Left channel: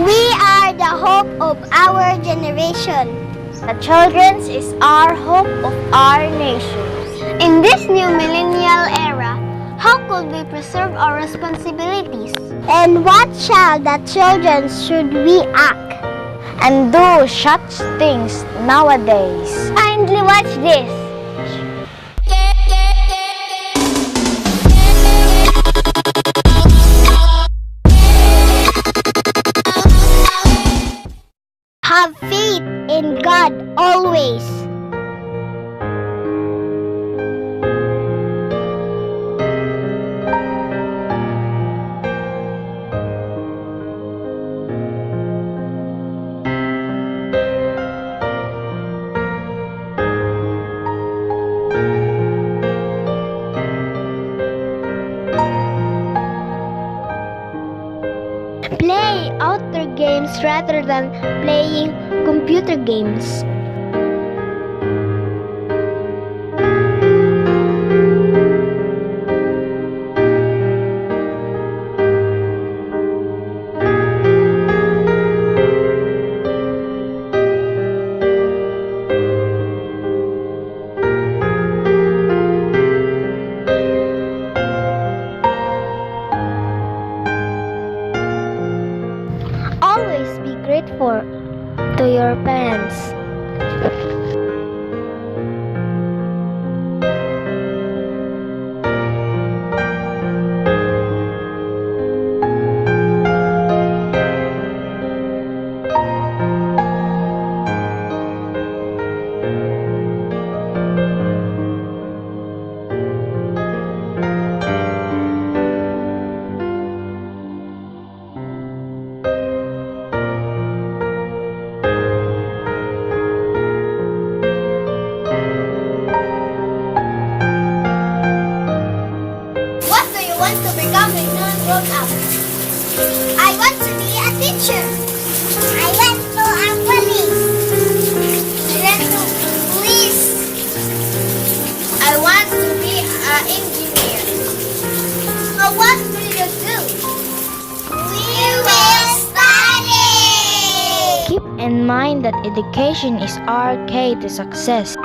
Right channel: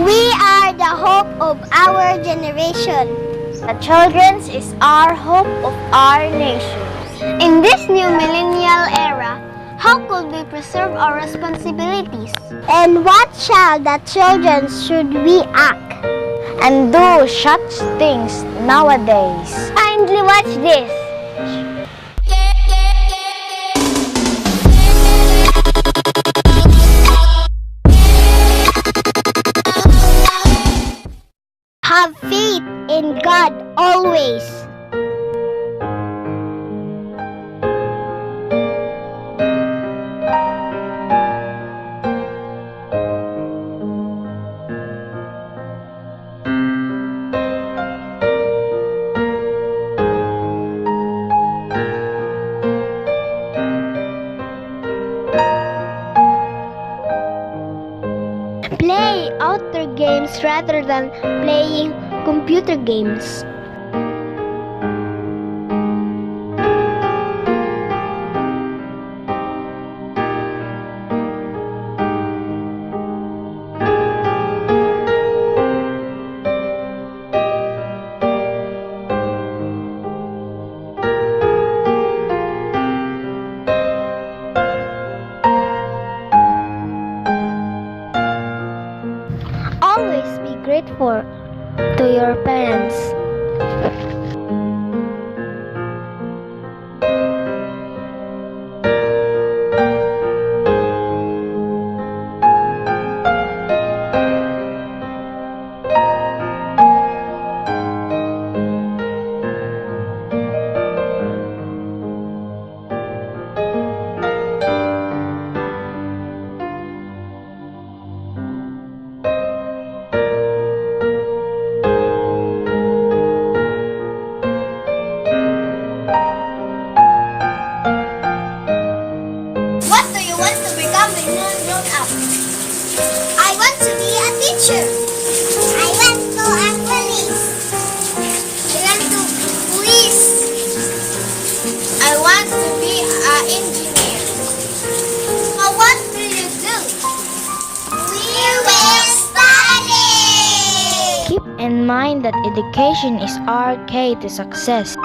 We are the hope of our generation. The children's is our hope of our nation. In this new millennial era, how could we preserve our responsibilities? And what shall the children should we act? And do such things nowadays. Kindly watch this. Have faith in God always. Play outdoor games rather than playing computer games. Always be grateful to your parents. What do you want to become when you grow up? I want to be a teacher. I want to be a police. I want to police. I want to be an engineer. So what will you do? We will study. Keep in mind that education is our key to success.